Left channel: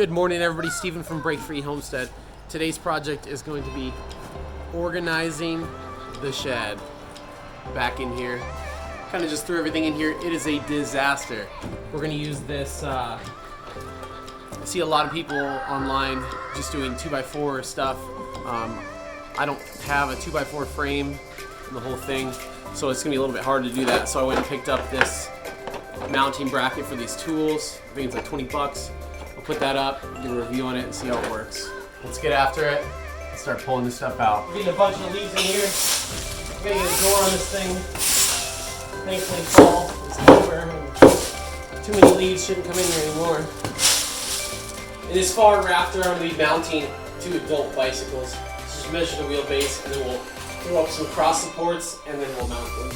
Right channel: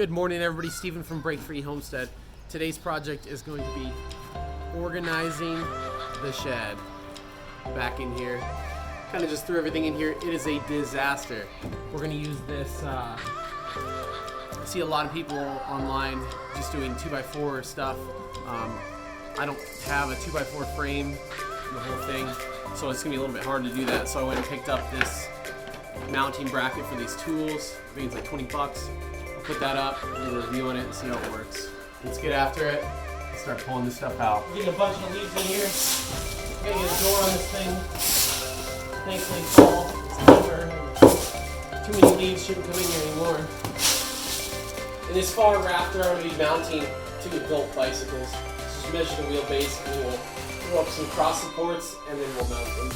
Good morning, everybody. Stephen from Break Free Homestead. Today's project is going to be organizing the shed back in here. Kind of just threw everything in here. It is a disaster. We're going to use this. I see a lot of people online just doing 2x4 stuff. I don't have a 2x4 frame, the whole thing, so it's going to be a little bit hard to do that. So I went and picked up this mounting bracket for these tools. I think it's like 20 bucks. I'll put that up, give a review on it, and see how it works. Let's get after it and start pulling this stuff out. We're getting a bunch of leaves in here. We're gonna get a door on this thing. Thankfully, fall is over. Too many leaves shouldn't come in here anymore. In this far rafter, I'm gonna be mounting 2 adult bicycles. Just measure the wheelbase, and then we'll throw up some cross supports, and then we'll mount them.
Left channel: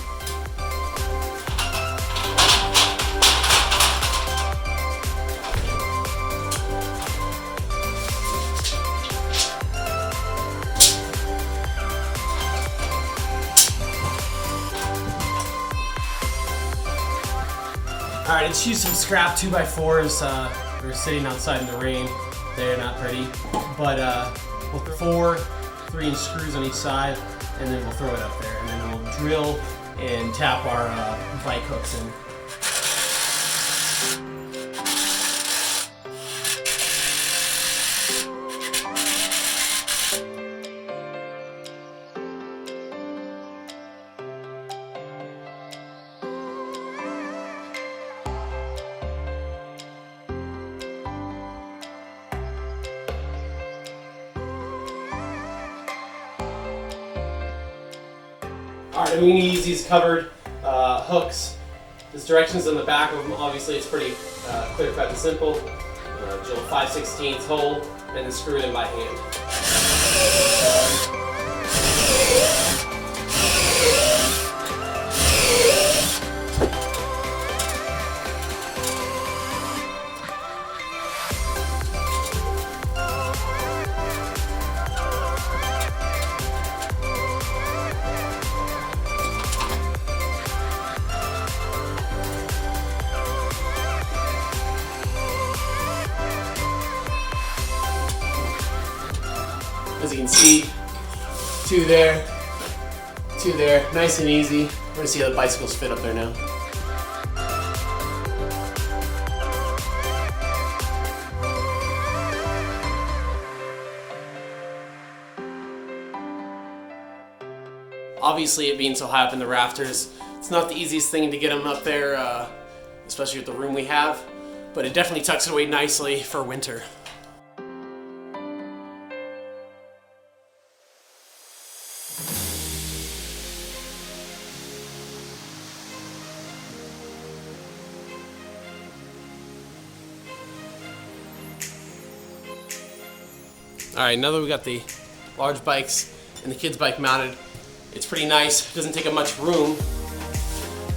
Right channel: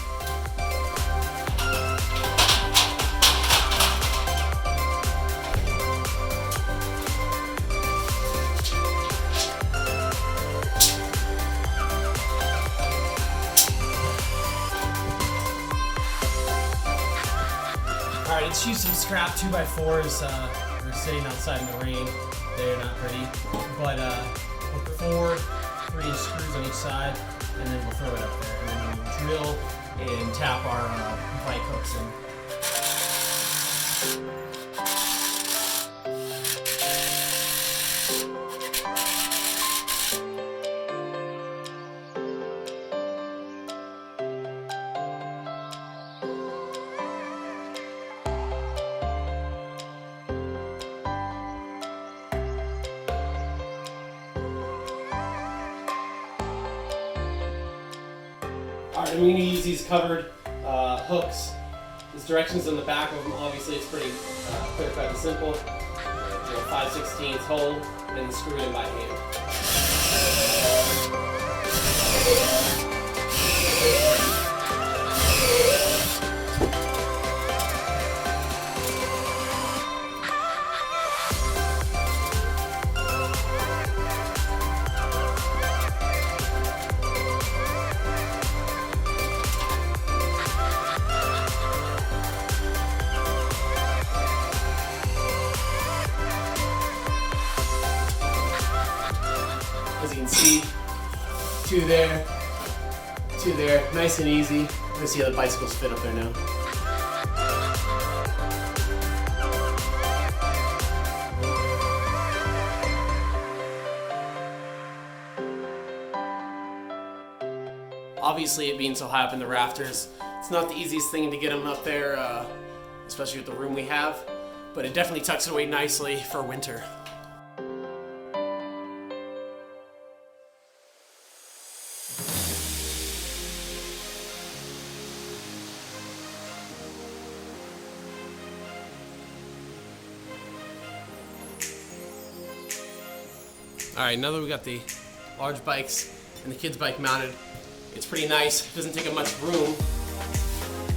Alright, let's use some scrap 2x4s. They're sitting outside in the rain. They're not pretty. But we'll put 4 3-inch screws on each side, and then we'll throw it up there. And then we'll drill and tap our bike hooks in. Alright, I'm going to use these covered hooks. There's directions on the back of them. Obviously, it's pretty clear cut and simple. Drill 5/16 hole and then screw it in by hand. As you can see, 2 there, 2 there, nice and easy. We're gonna see how the bicycles fit up there now. Obviously, it being so high up in the rafters, it's not the easiest thing to get them up there, especially with the room we have, but it definitely tucks it away nicely for winter. Alright, now that we got the large bikes and the kids' bike mounted, it's pretty nice. It doesn't take up much room.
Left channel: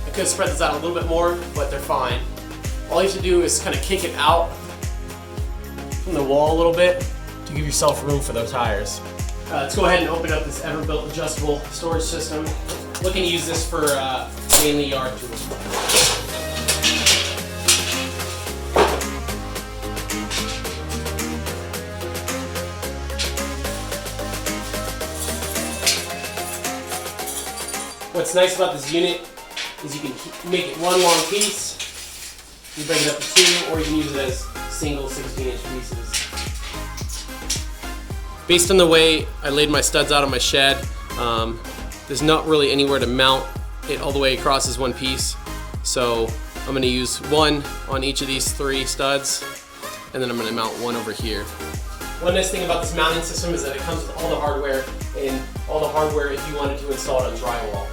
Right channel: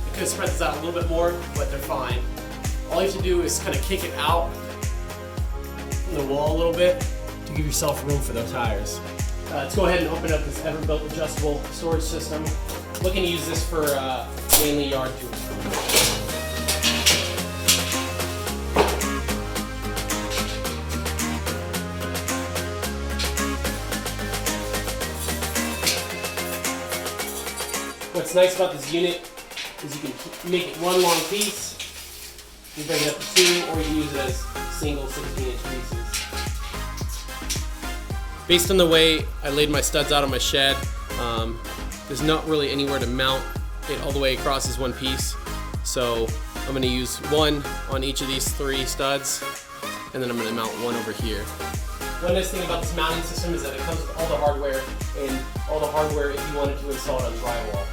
I could have spread this out a little bit more, but they're fine. All you have to do is kind of kick it out from the wall a little bit to give yourself room for those tires. Let's go ahead and open up this Everbilt adjustable storage system. Looking to use this for mainly yard tools. What's nice about this unit is you can make it one long piece, you break it up to 2, or you can use it as single 16-inch pieces. Based on the way I laid my studs out on my shed, there's not really anywhere to mount it all the way across as one piece. So I'm going to use 1 on each of these 3 studs, and then I'm going to mount 1 over here. One nice thing about this mounting system is that it comes with all the hardware, and all the hardware if you wanted to install it on drywall.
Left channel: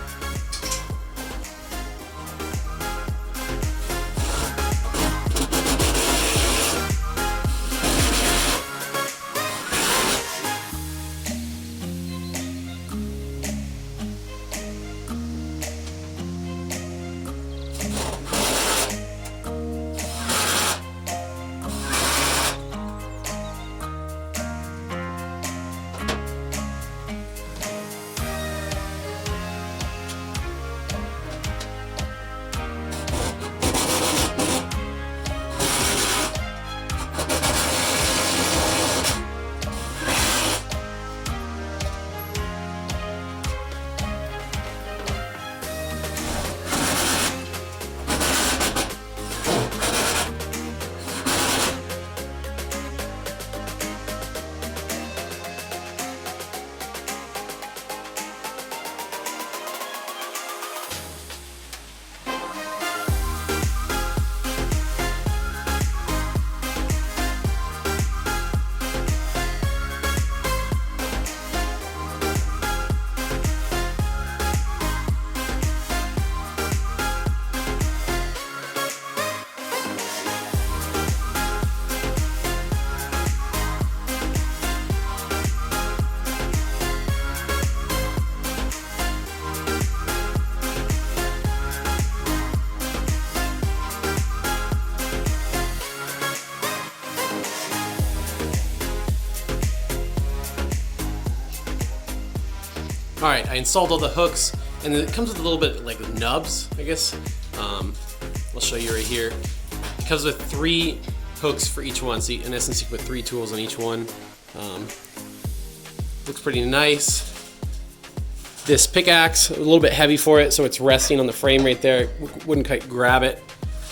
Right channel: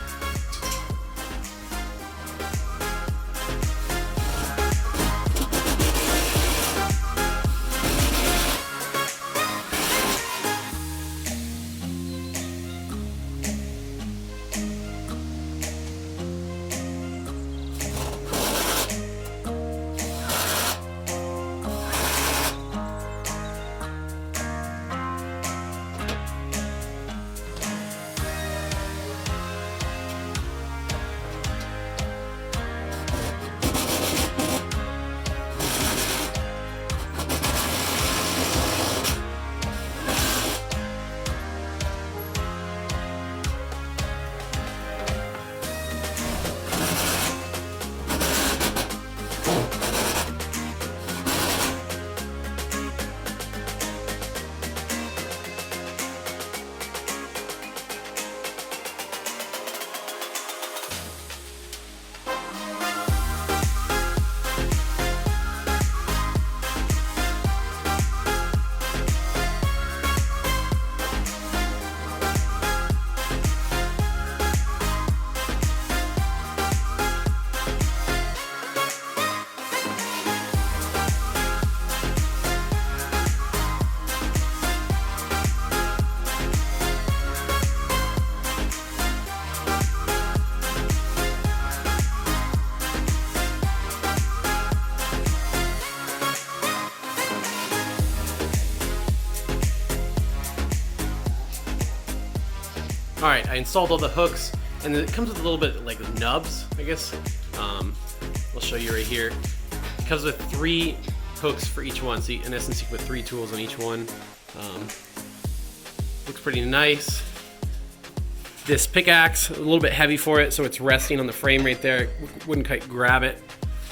All right, I installed all the hooks, and it comes with a little bit like nubs, I guess. I'll show you right here. It comes with 3 hooks for each one, so in essence you can put 3 tools on each one. Looks pretty nice. This pickaxe, a little bit heavy for it, so it's resting on the frame right there. Wouldn't quite grab it,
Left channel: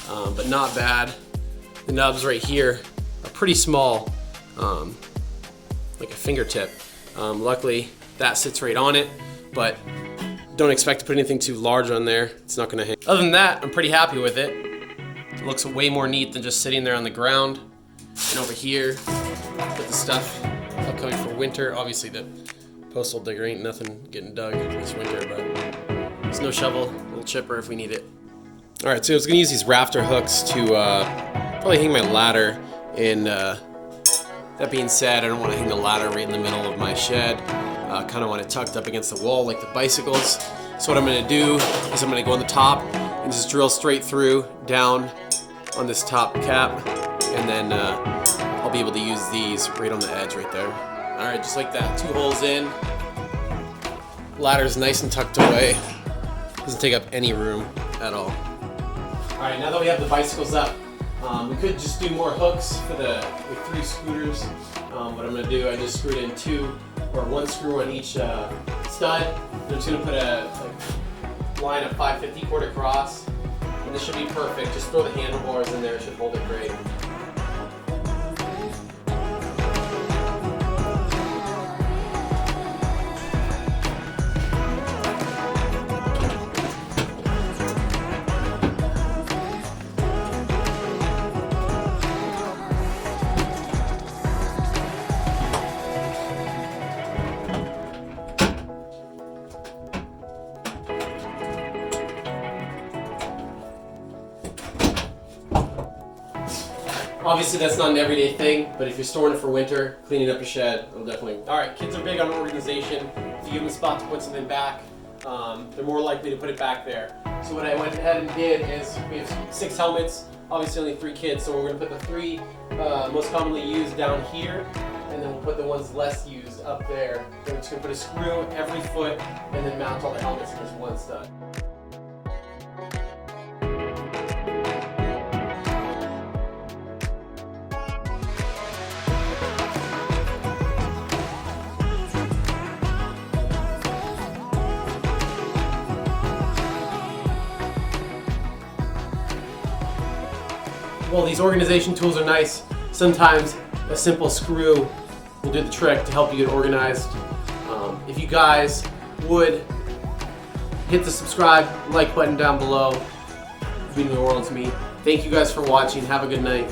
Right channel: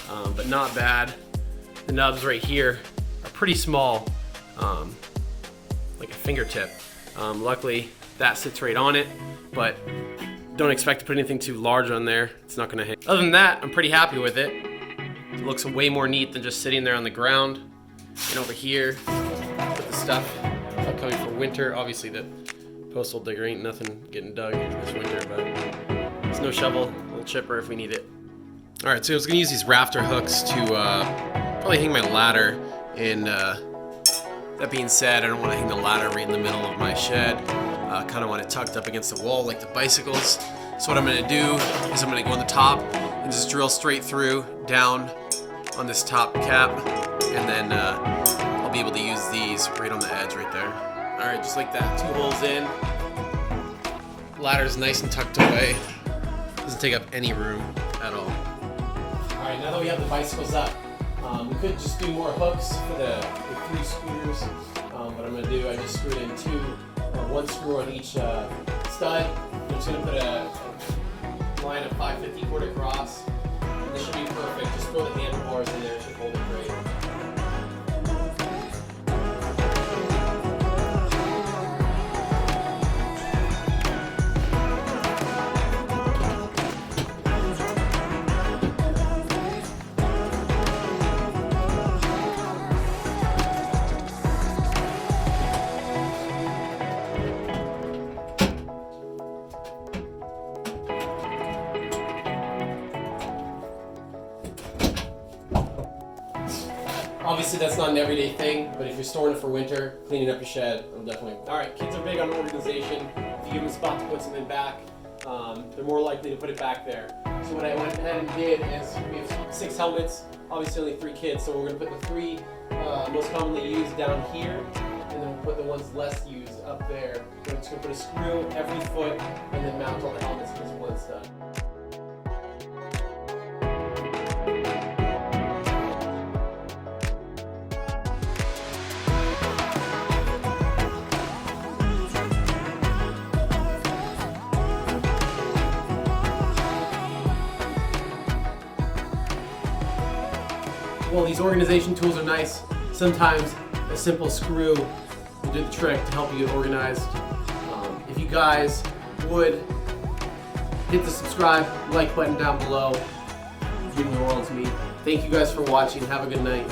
but not bad. The nubs right here are pretty small, like a fingertip. Luckily, that sits right on it, but don't expect to put anything too large on there. It's not gonna hang. Other than that, I'm pretty happy with it. It looks way more neat than just sitting there on the ground. And over here, put the stuff upcoming for winter. Obviously, the postal digger ain't nothing getting dug this winter, but there's no shovel, a little chipper if we need it. All right, so I was gonna use these rafter hooks to probably hang my ladder. And that being said, I don't want to hang the ladder right in the middle of my shed. Kind of want it tucked up against the wall like the bicycles. So what I'm gonna do is I'm gonna go on the top and just drill straight through down on this top cap, and then I'll be able to use these right on the edge right there. All right, just like that, 2 holes in. Ladder's nice and tucked away. Doesn't take up any room at all. All right, now that we have the bicycles up, we could just do more hooks for the 3 screws. What I'm gonna do, I just screwed in 2 or 1 screw on each stud. I'm just gonna put a line of 550 cord across. And this should be perfect. Just throw the handlebars in there, it should hold it great. Obviously that's not an everyday thing, but if you're storing it for winter, cleaning up your shed, it'll definitely... Alright, kids are big on organization. If you give them a spot to put something back, they're more likely to put it back there. So what I went ahead and did is, we have 6 helmets, obviously only 3 kids, so we're going to put the 3 most commonly used down here, and then we'll put the ones less used up there. Then we're just going to put a screw every foot, and then mount all the helmets in this one stud. Well, these organization tools are nice. Sometimes a simple screw will do the trick to help you get organized. If you guys would hit the subscribe, like button down below, it would mean the world to me. Thank you guys for watching. Have a good night.